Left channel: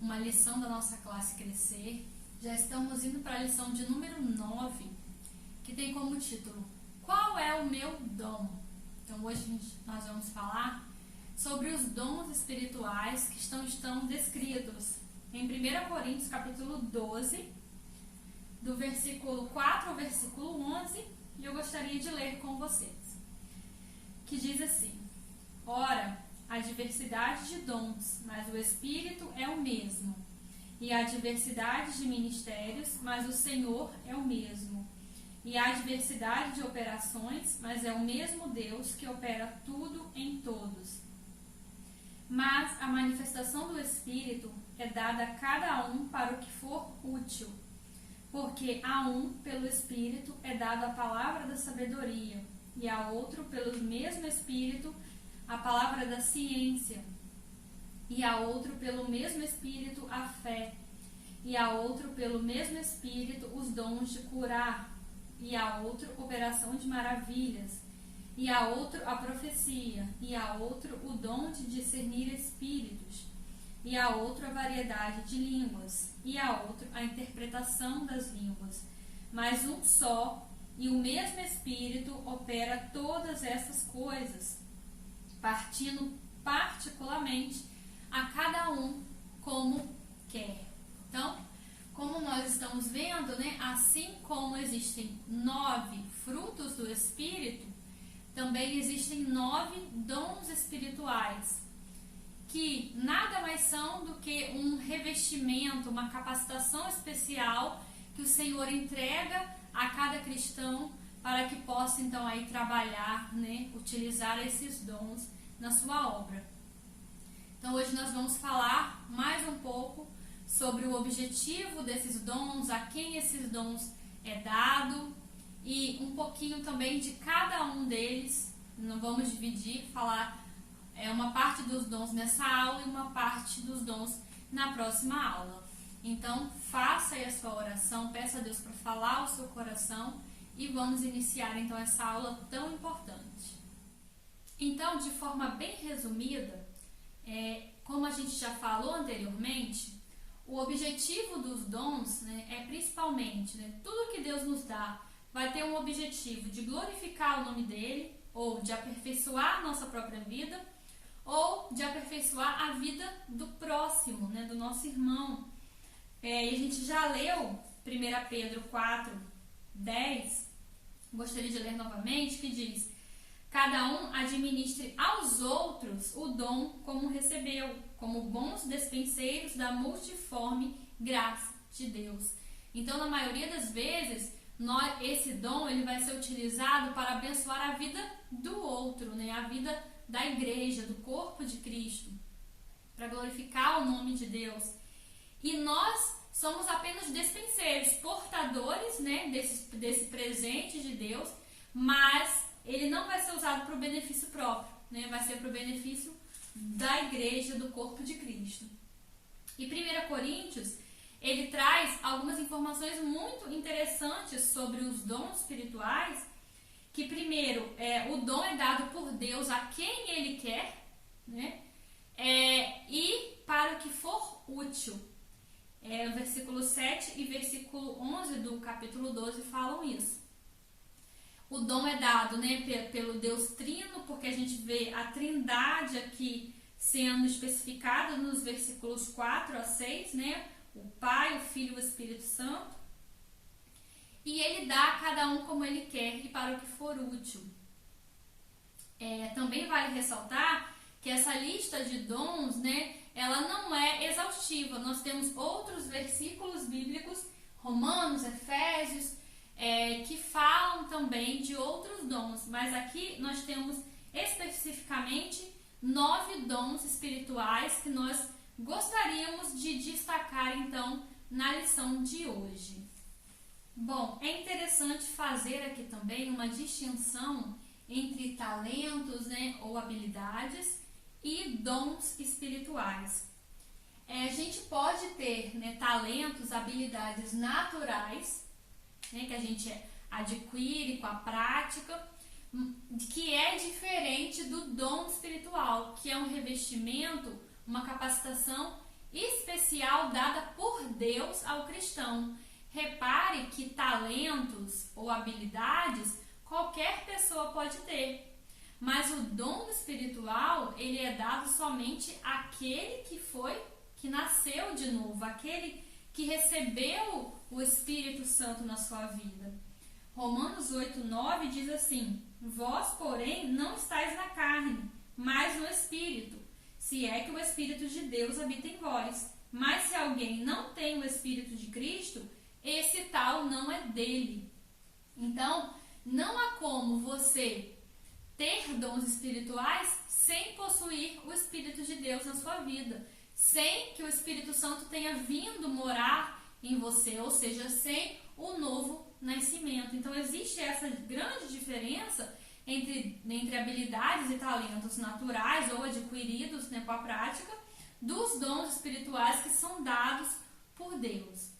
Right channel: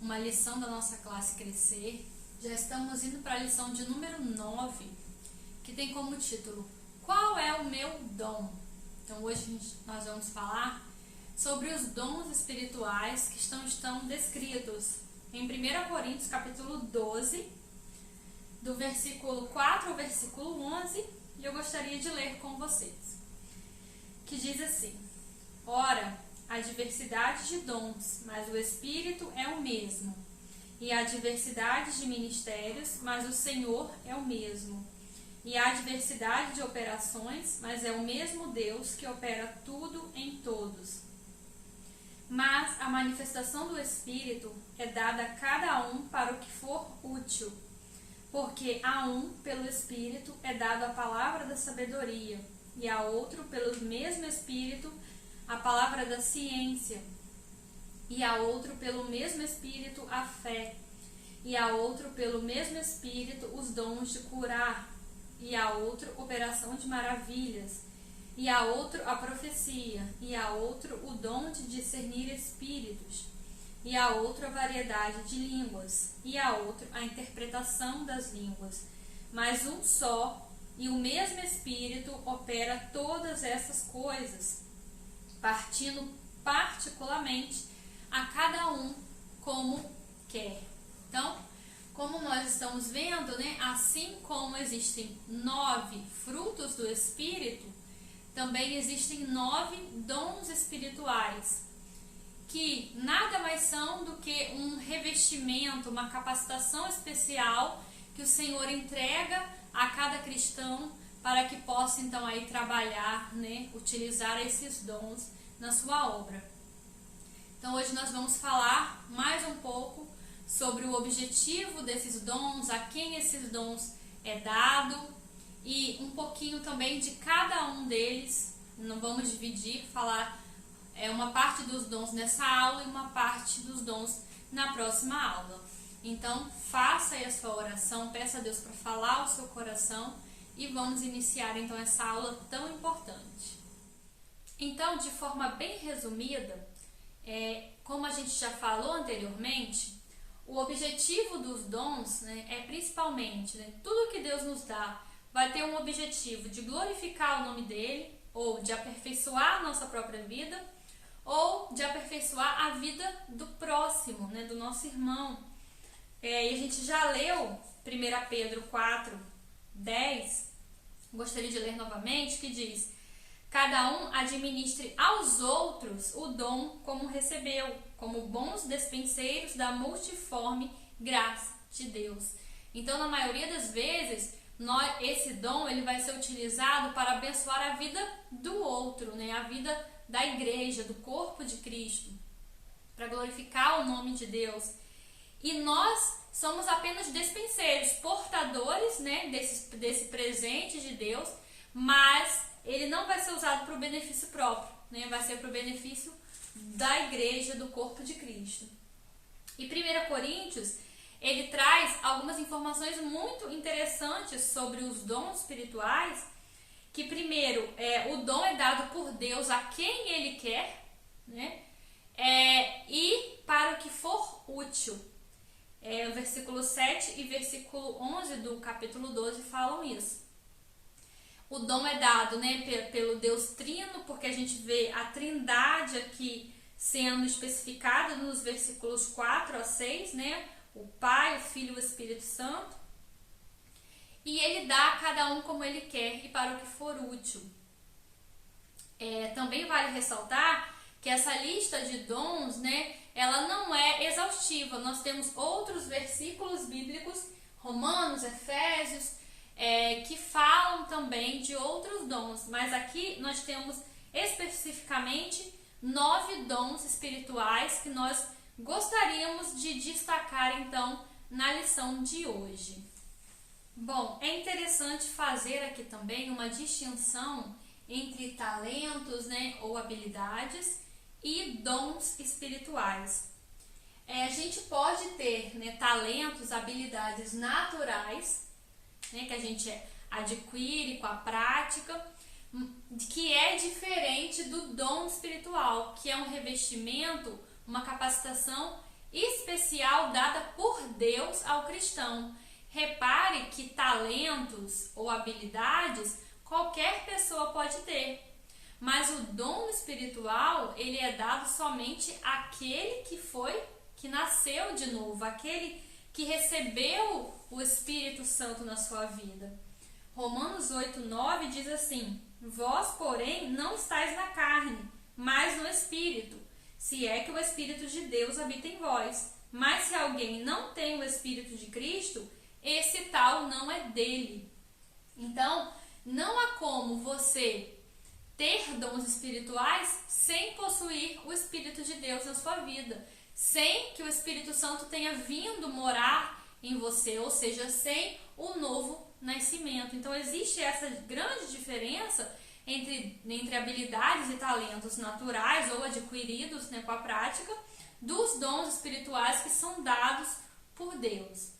uma lição da nossa classe Crescer. Já estamos indo para a lição de número 9, que tem como título Qual é o meu dom? Então hoje nós vamos falar sobre os dons espirituais que estão descritos em 1 Coríntios capítulo 12, do versículo 4 ao versículo 11, e eu gostaria de ler com vocês, que diz assim: Ora, há diversidade de dons, mas o Espírito é o mesmo. E há diversidade de ministérios, mas o Senhor é o mesmo. E há diversidade de operações, mas é o mesmo Deus que opera tudo em todos. Mas a manifestação do Espírito é dada a cada um para o que for útil. Porque a um, pelo Espírito, é dada a palavra da sabedoria, e a outro, pelo mesmo Espírito, a palavra da ciência, e a outro, pelo mesmo Espírito, a fé, e a outro, pelo mesmo Espírito, os dons de curar, e a outro, operação de maravilhas, e a outro, a profecia, e a outro, o dom de discernir espíritos, e a outro, a variedade de línguas, e a outro, a interpretação das línguas. Mas um só e o mesmo Espírito opera todas essas coisas, partindo particularmente a cada um como quer. Então, como nós estamos vendo, né, assim como existem 9 frutos do Espírito, também existem 9 dons espirituais, que nada mais são do que um revestimento, uma capacitação especial que o Senhor entrega a cada cristão para que possa então aí trabalhar, né, utilizar esses dons na sua obra. Então hoje nós vamos falar mais um pouco sobre o objetivo desses dons, a quem esses dons é dado e um pouquinho também de cada um deles. Não vamos dividir, falar uma parte dos dons nessa aula e uma parte dos dons na próxima aula. Então faça aí a sua oração, peça a Deus para falar ao seu coração e vamos iniciar então essa aula tão importante. Então, de forma bem resumida, como a gente já falou anteriormente, o objetivo dos dons, né, é principalmente, né, tudo que Deus nos dá vai ter um objetivo de glorificar o nome dele, ou de aperfeiçoar a nossa própria vida, ou de aperfeiçoar a vida do próximo, né, do nosso irmão. E a gente já leu 1 Pedro 4, 10, gostaria de ler novamente, que diz: Cada um administre aos outros o dom como recebeu, como bons despenseiros da multiforme graça de Deus. Então, na maioria das vezes, esse dom ele vai ser utilizado para abençoar a vida do outro, né? A vida da igreja, do corpo de Cristo, para glorificar o nome de Deus. E nós somos apenas despenseiros, portadores, né, desse presente de Deus, mas ele não vai ser usado para o benefício próprio, né? Vai ser para o benefício da igreja, do corpo de Cristo. E 1 Coríntios, ele traz algumas informações muito interessantes sobre os dons espirituais, que primeiro, o dom é dado por Deus a quem ele quer, né? E para o que for útil. O versículo 7 e versículo 11 do capítulo 12 falam isso. O dom é dado, né, pelo Deus Trino, porque a gente vê a Trindade aqui sendo especificada nos versículos 4 a 6, né? O Pai, o Filho e o Espírito Santo. E ele dá a cada um como ele quer e para o que for útil. Também vale ressaltar que essa lista de dons, né, ela não é exaustiva. Nós temos outros versículos bíblicos, Romanos, Efésios, que falam também de outros dons, mas aqui nós temos especificamente 9 dons espirituais que nós gostaríamos de destacar então na lição de hoje. Bom, é interessante fazer aqui também uma distinção entre talentos, né, ou habilidades e dons espirituais. A gente pode ter, né, talentos, habilidades naturais, né, que a gente adquire com a prática, que é diferente do dom espiritual, que é um revestimento, uma capacitação especial dada por Deus ao cristão. Repare que talentos ou habilidades qualquer pessoa pode ter, mas o dom espiritual ele é dado somente àquele que nasceu de novo, aquele que recebeu o Espírito Santo na sua vida. Romanos 8:9 diz assim: vós, porém, não estáis na carne, mas no Espírito, se é que o Espírito de Deus habita em vós. Mas se alguém não tem o Espírito de Cristo, esse tal não é dele. Então, não há como você ter dons espirituais sem possuir o Espírito de Deus na sua vida, sem que o Espírito Santo tenha vindo morar em você, ou seja, sem o novo nascimento. Então, existe essa grande diferença entre habilidades e talentos naturais ou adquiridos, né, com a prática, dos dons espirituais que são dados por Deus.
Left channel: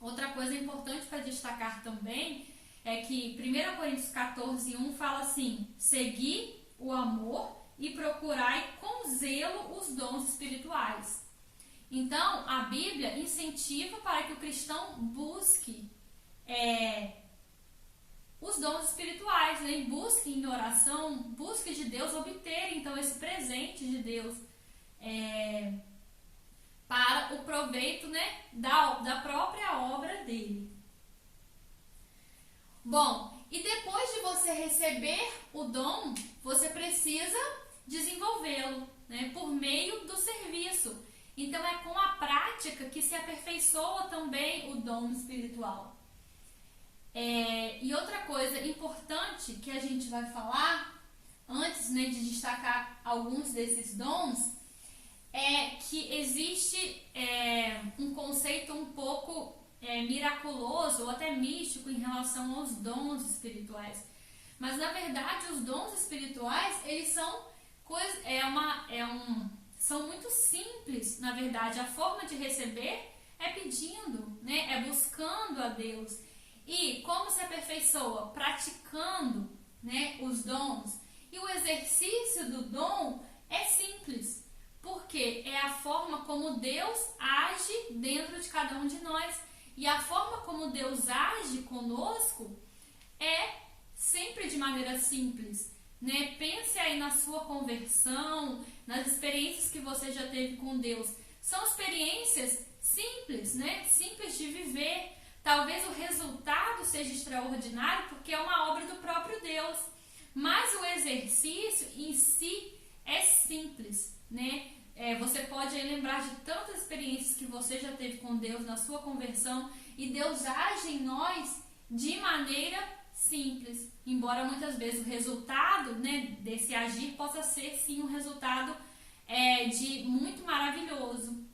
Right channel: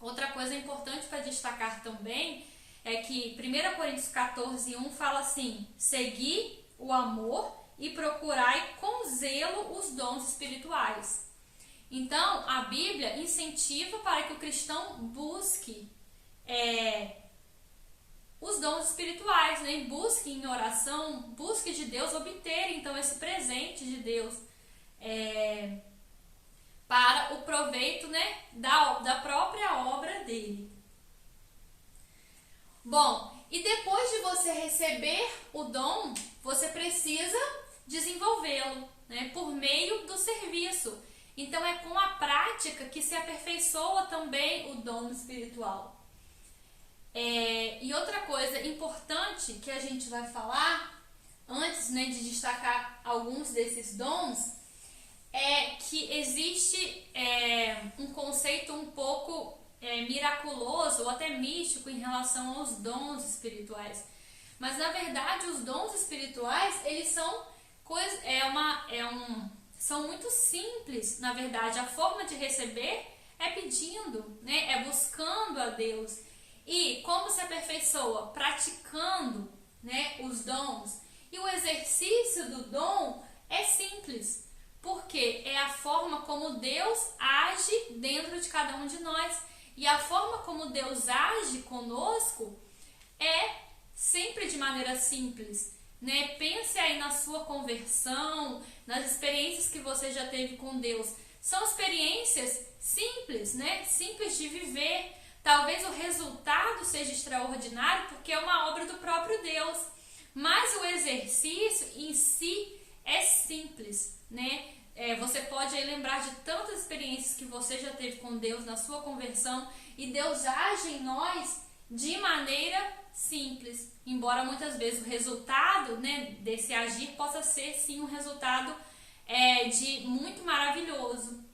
Outra coisa importante para destacar também é que 1 Coríntios 14:1 fala assim: segui o amor e procurai com zelo os dons espirituais. Então, a Bíblia incentiva para que o cristão busque os dons espirituais, né? Busque em oração, busque de Deus obter então esse presente de Deus para o proveito, né, da própria obra dele. Bom, e depois de você receber o dom, você precisa desenvolvê-lo, né, por meio do serviço. Então é com a prática que se aperfeiçoa também o dom espiritual. E outra coisa importante que a gente vai falar, antes, né, de destacar alguns desses dons, é que existe um conceito um pouco miraculoso ou até místico em relação aos dons espirituais. Mas na verdade os dons espirituais, eles são são muito simples. Na verdade, a forma de receber é pedindo, né? É buscando a Deus. E como se aperfeiçoa? Praticando, né, os dons. E o exercício do dom é simples, porque é a forma como Deus age dentro de cada um de nós. E a forma como Deus age conosco é sempre de maneira simples, né? Pense aí na sua conversão, nas experiências que você já teve com Deus. São experiências simples, né? Simples de viver. Talvez o resultado seja extraordinário porque é uma obra do próprio Deus, mas o exercício em si é simples, né? Você pode aí lembrar de tantas experiências que você já teve com Deus na sua conversão, e Deus age em nós de maneira simples, embora muitas vezes o resultado, né, desse agir possa ser sim um resultado de muito maravilhoso,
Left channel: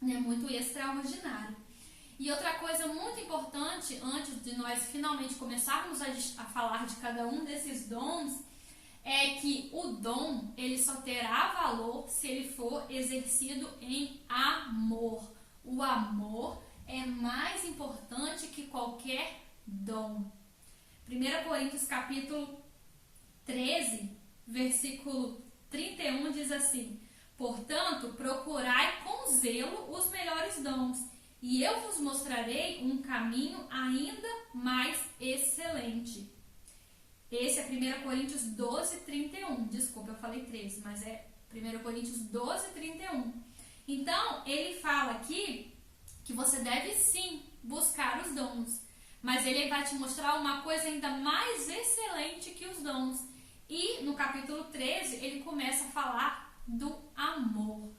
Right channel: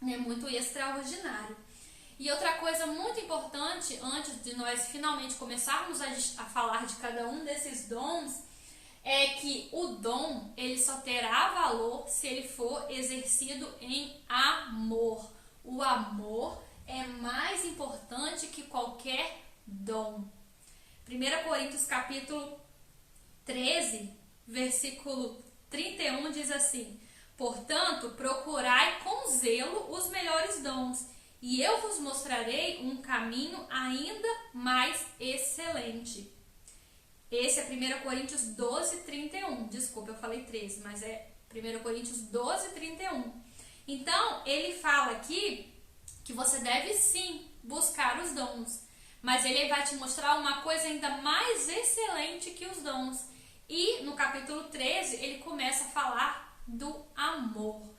né, muito extraordinário. E outra coisa muito importante, antes de nós finalmente começarmos a falar de cada um desses dons, é que o dom ele só terá valor se ele for exercido em amor. O amor é mais importante que qualquer dom. 1 Coríntios capítulo 13, versículo 31 diz assim: portanto, procurai com zelo os melhores dons, e eu vos mostrarei um caminho ainda mais excelente. Esse é 1 Coríntios 12, 31. Desculpa, eu falei 13, mas é 1 Coríntios 12, 31. Então, ele fala aqui que você deve sim buscar os dons, mas ele vai te mostrar uma coisa ainda mais excelente que os dons. E no capítulo 13, ele começa a falar do amor.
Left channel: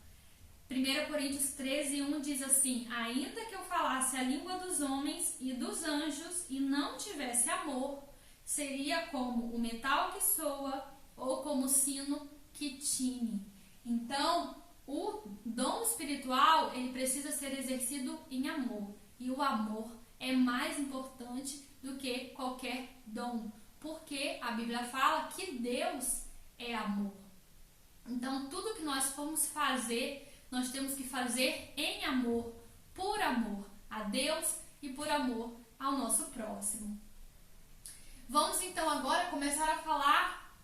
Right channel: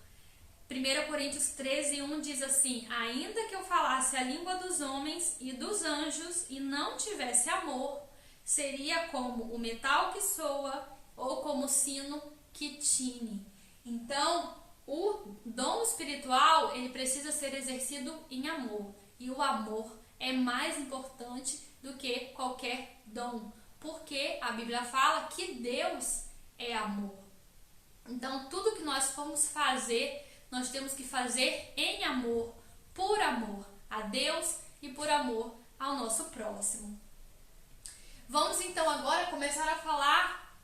1 Coríntios 13, 1 diz assim: ainda que eu falasse a língua dos homens e dos anjos e não tivesse amor, seria como o metal que soa ou como o sino que tine. Então, o dom espiritual, ele precisa ser exercido em amor. E o amor é mais importante do que qualquer dom, porque a Bíblia fala que Deus é amor. Então, tudo que nós formos fazer, nós temos que fazer em amor, por amor a Deus e por amor ao nosso próximo. Vamos então agora começar a falar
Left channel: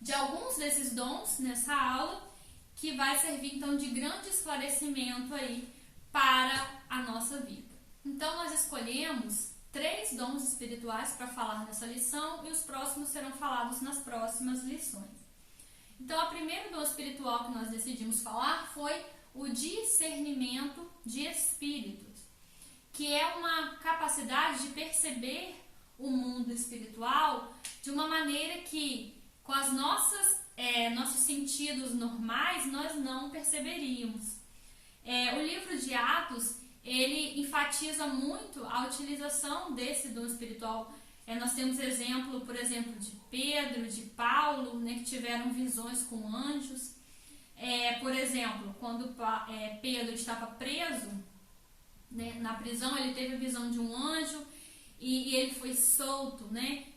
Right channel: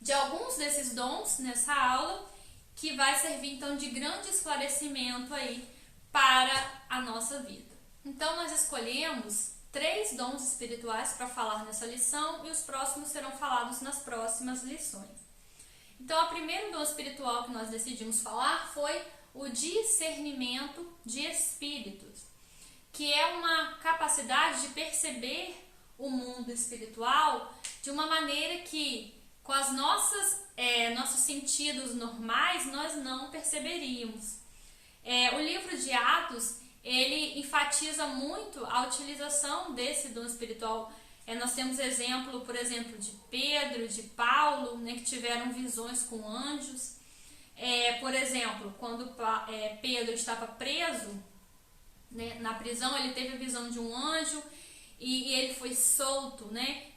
de alguns desses dons nessa aula, que vai servir então de grande esclarecimento aí para a nossa vida. Então nós escolhemos 3 dons espirituais para falar nessa lição e os próximos serão falados nas próximas lições. Então, o primeiro dom espiritual que nós decidimos falar foi o discernimento de espíritos, que é uma capacidade de perceber o mundo espiritual de uma maneira que, com as nossos sentidos normais, nós não perceberíamos. O livro de Atos, ele enfatiza muito a utilização desse dom espiritual. Nós temos exemplo, por exemplo, de Pedro, de Paulo, né, que tiveram visões com anjos. Por exemplo, quando Pedro estava preso, né, na prisão, ele teve a visão de um anjo e ele foi solto, né?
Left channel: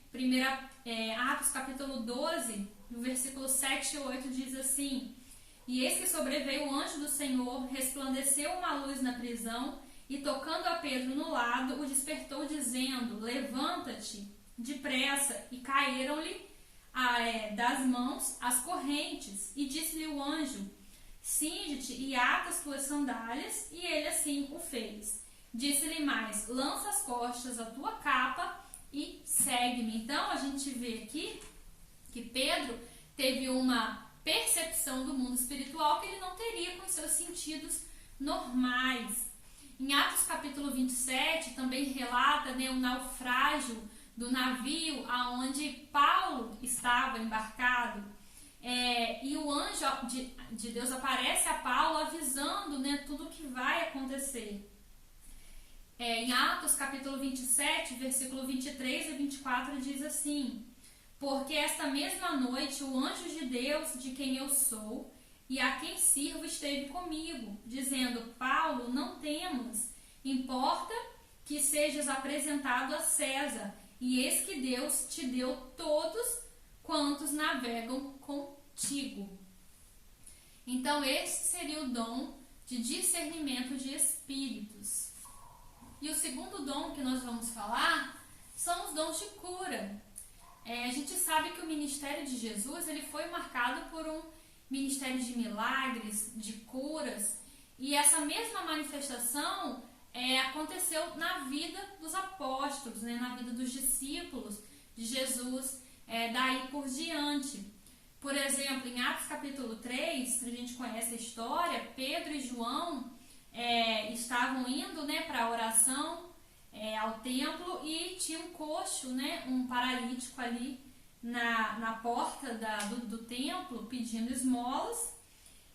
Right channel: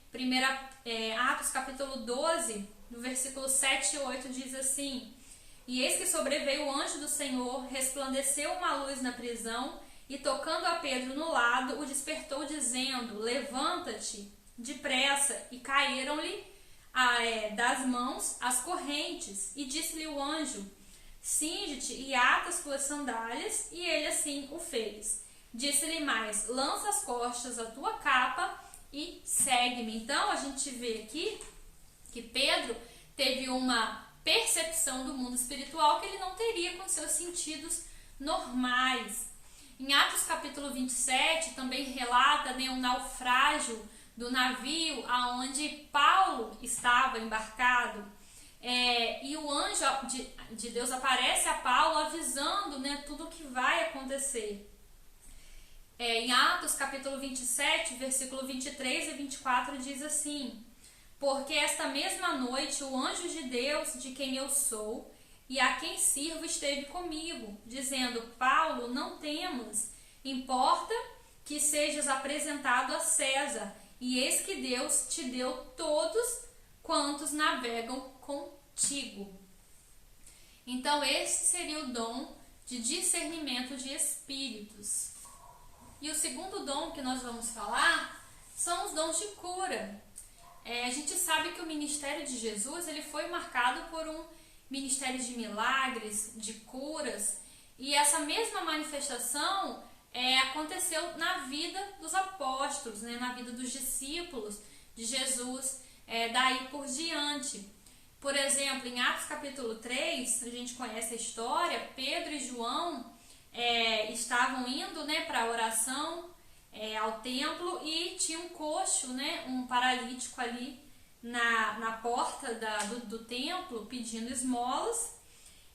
Atos capítulo 12, no versículo 7 e 8 diz assim: E eis que sobreveio o anjo do Senhor, resplandeceu uma luz na prisão, e tocando a Pedro no lado, o despertou, dizendo: Levanta-te depressa. E caíram-lhe das mãos as correntes. E disse-lhe o anjo: Cinge-te e ata as tuas sandálias. E ele assim o fez. Disse-lhe mais: Lança as costas a tua capa e segue-me. Então a gente vê aqui que Pedro teve uma percepção do mundo espiritual que ele não teria com seus sentidos normais. Em Atos capítulo 27 também relata, né, o naufrágio do navio aonde Paulo estava embarcado. E o anjo de Deus aparece a Paulo avisando, né, tudo o que vai acontecer. Em Atos capítulo 27, versículo 23 e 24 diz assim: Porque esta mesma noite o anjo de Deus, de quem eu sou e a quem sirvo, esteve comigo, dizendo: Paulo, não temas, importa que sejas apresentado a César, e eis que Deus te deu todos quantos navegam contigo. Então esse seria o dom de discernimento de espíritos. E o segundo dom que nós vamos falar são os dons de cura. A gente sabe que o ministério de Jesus ele foi marcado por um ministério de milagres, de curas, e essa mesma manifestação aconteceu na vida dos apóstolos, né, na vida dos discípulos de Jesus, daí por diante. Por exemplo, em Atos capítulo 3, a gente conhece a história, Pedro e João estavam indo, né, para a oração ao templo e tinha um coxo, né, um paralítico ali na porta do templo pedindo esmolas.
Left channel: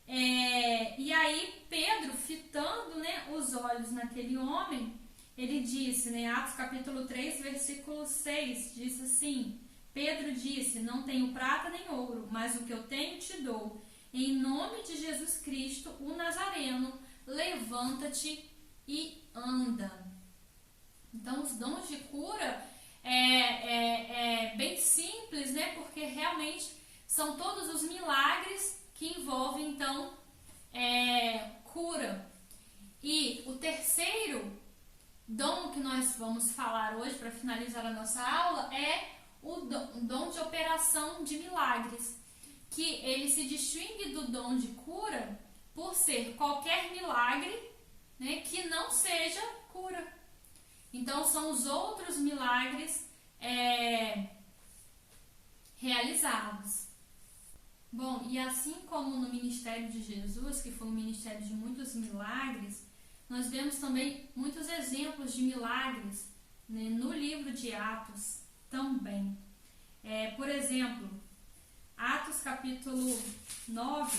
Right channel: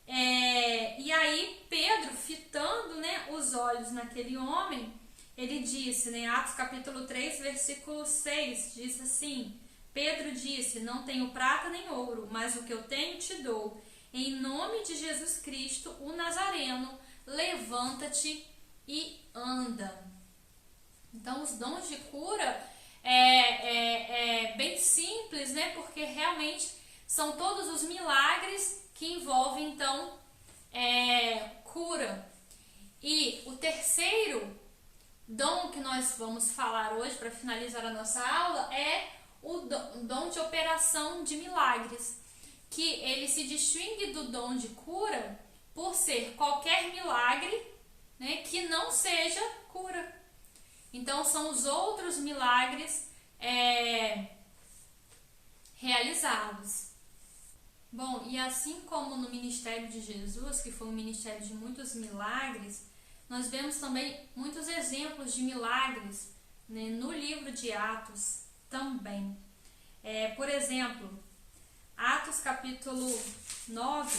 E aí Pedro, fitando, né, os olhos naquele homem, ele disse, né, Atos capítulo 3, versículo 6, disse assim: Pedro disse: Não tenho prata nem ouro, mas o que eu tenho te dou. Em nome de Jesus Cristo, o Nazareno, levanta-te e anda. Então, os dons de cura é bem simples, né? Porque realmente são todos os milagres que envolvem, então, cura. E o terceiro dom que nós vamos falar hoje, para finalizar a nossa aula, é o dom de operação de milagres, que ele se distingue do dom de cura por ser qualquer milagre, né, que não seja cura. Então, são os outros milagres realizados. Bom, e assim como no ministério de Jesus, que foi um ministério de muitos milagres, nós vemos também muitos exemplos de milagres, né, no livro de Atos também. Por exemplo, Atos capítulo 9,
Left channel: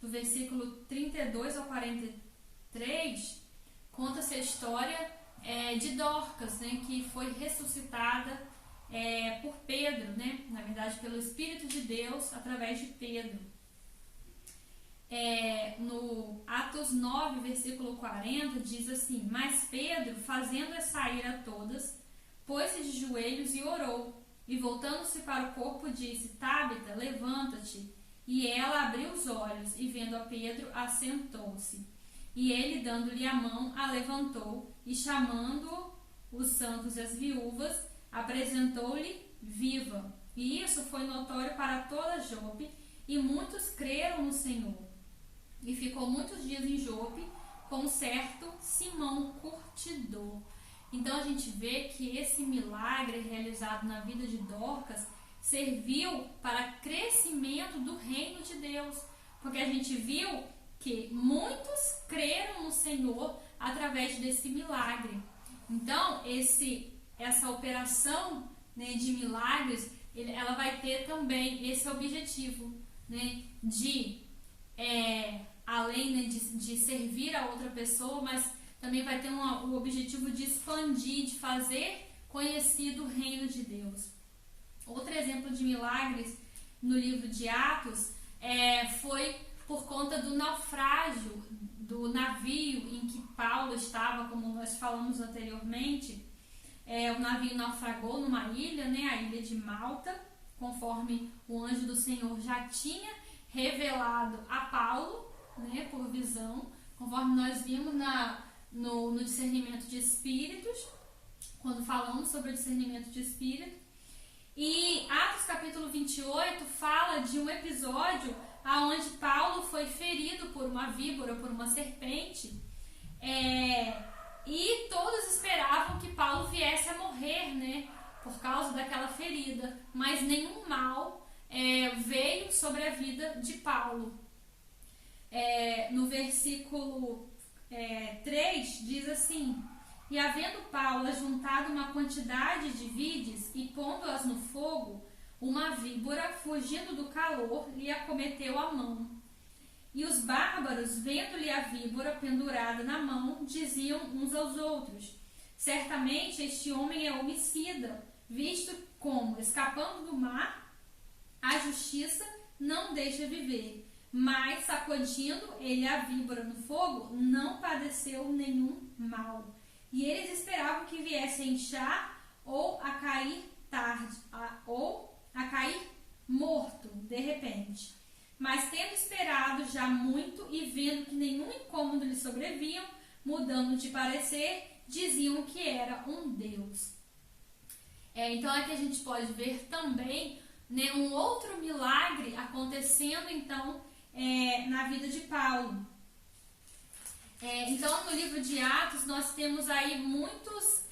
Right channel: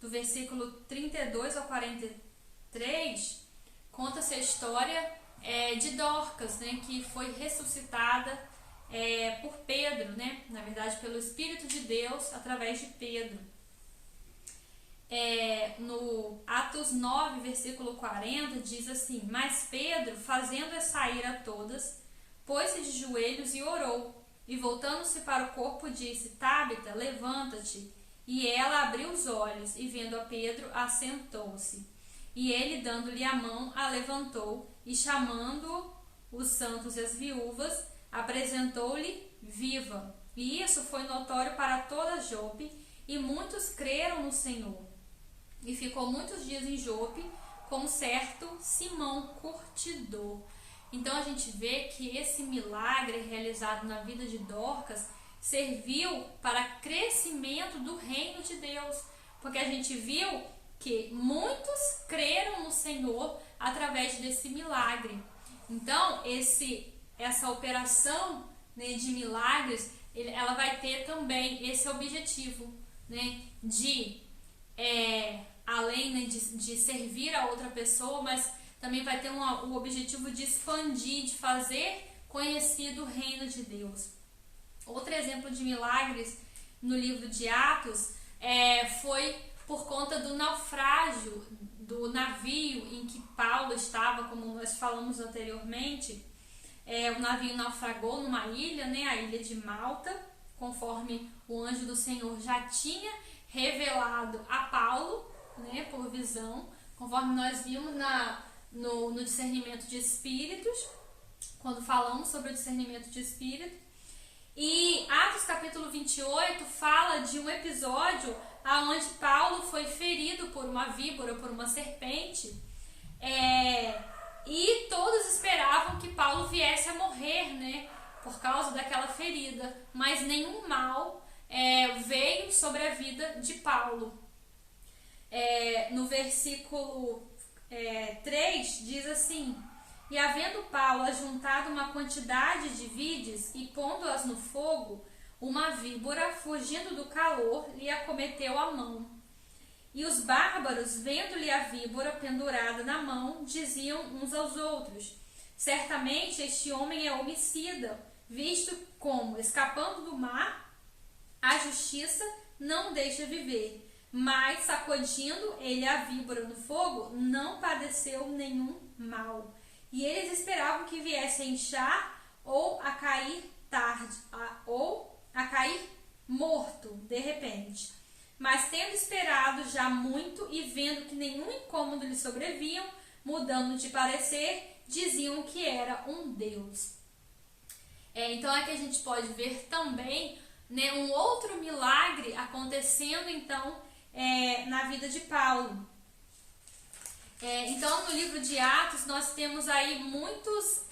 do versículo 32 ao 43, conta-se a história de Dorcas, né, que foi ressuscitada por Pedro, né, na verdade pelo Espírito de Deus através de Pedro. No Atos 9, versículo 40, diz assim: Mas Pedro, fazendo sair a todas, pôs-se de joelhos e orou, e voltando-se para o corpo disse: Tábita, levanta-te. E ela abriu os olhos, e vendo a Pedro, assentou-se. E ele, dando-lhe a mão, a levantou, e chamando os santos e as viúvas, apresentou-lhe viva. E isso foi notório para toda Jope, e muitos creram no Senhor. E ficou muitos dias em Jope com um certo Simão curtidor. Então a gente vê que esse milagre realizado na vida de Dorcas serviu para crescimento do reino de Deus, porque a gente viu que muitos creram no Senhor através desse milagre. Então essa operação, né, de milagres, ela vai ter também esse objetivo, né, de além, né, de servir a outra pessoa, mas também vai ter o objetivo de expandir, de fazer conhecido o reino de Deus. Outro exemplo de milagres no livro de Atos foi por conta do naufrágio do navio em que Paulo estava, como nós falamos anteriormente. O navio naufragou numa ilha, né, a ilha de Malta, conforme o anjo do Senhor já tinha revelado a Paulo, né, por visão, conforme nós vimos no discernimento de espíritos, quando falamos sobre o discernimento de espírito. E Atos capítulo 28 fala de um episódio onde Paulo foi ferido por uma víbora, por uma serpente, e todos esperavam que Paulo viesse a morrer, né, por causa daquela ferida, mas nenhum mal veio sobre a vida de Paulo. No versículo 3 diz assim: e havendo Paulo ajuntado uma quantidade de vides e pondo-as no fogo, uma víbora, fugindo do calor, lhe acometeu a mão. E os bárbaros, vendo-lhe a víbora pendurada na mão, diziam uns aos outros: certamente este homem é homicida, visto como, escapando do mar, a justiça não deixa viver. Mas, sacudindo ele a víbora no fogo, não padeceu nenhum mal. E eles esperavam que viesse a inchar ou a cair tarde, ou a cair morto de repente. Mas tendo esperado já muito e vendo que nenhum incômodo lhe sobrevinham, mudando de parecer, diziam que era um Deus. Então aqui a gente pode ver também, né, um outro milagre acontecendo então na vida de Paulo. Então no livro de Atos nós temos aí muitos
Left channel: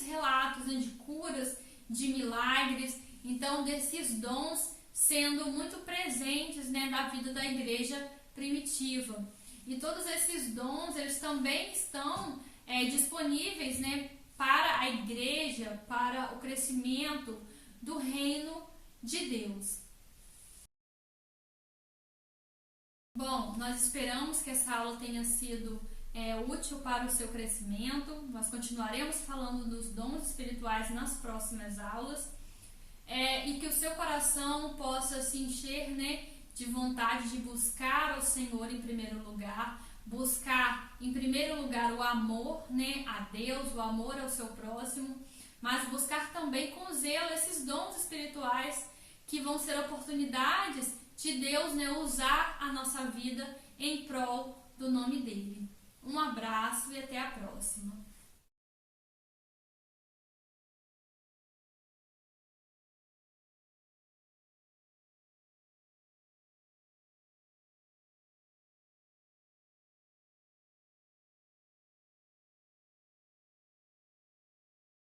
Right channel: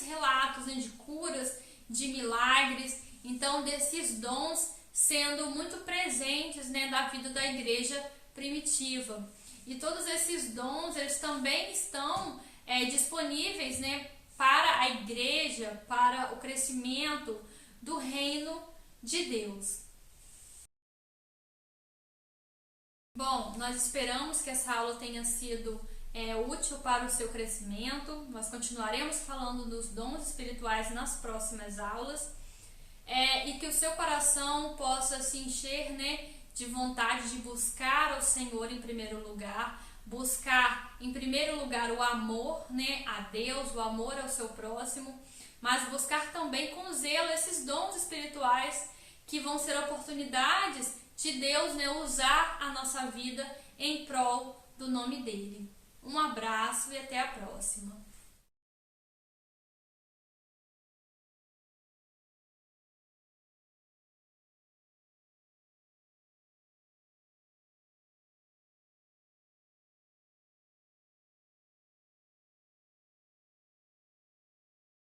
relatos, né, de curas, de milagres, então desses dons sendo muito presentes, né, na vida da igreja primitiva. E todos esses dons, eles também estão disponíveis, né, para a igreja, para o crescimento do reino de Deus. Bom, nós esperamos que essa aula tenha sido útil para o seu crescimento. Nós continuaremos falando dos dons espirituais nas próximas aulas. E que o seu coração possa se encher, né, de vontade de buscar ao Senhor em primeiro lugar, buscar em primeiro lugar o amor, né, a Deus, o amor ao seu próximo, mas buscar também com zelo esses dons espirituais que vão ser oportunidades de Deus, né, usar a nossa vida em prol do nome dele. Um abraço e até a próxima.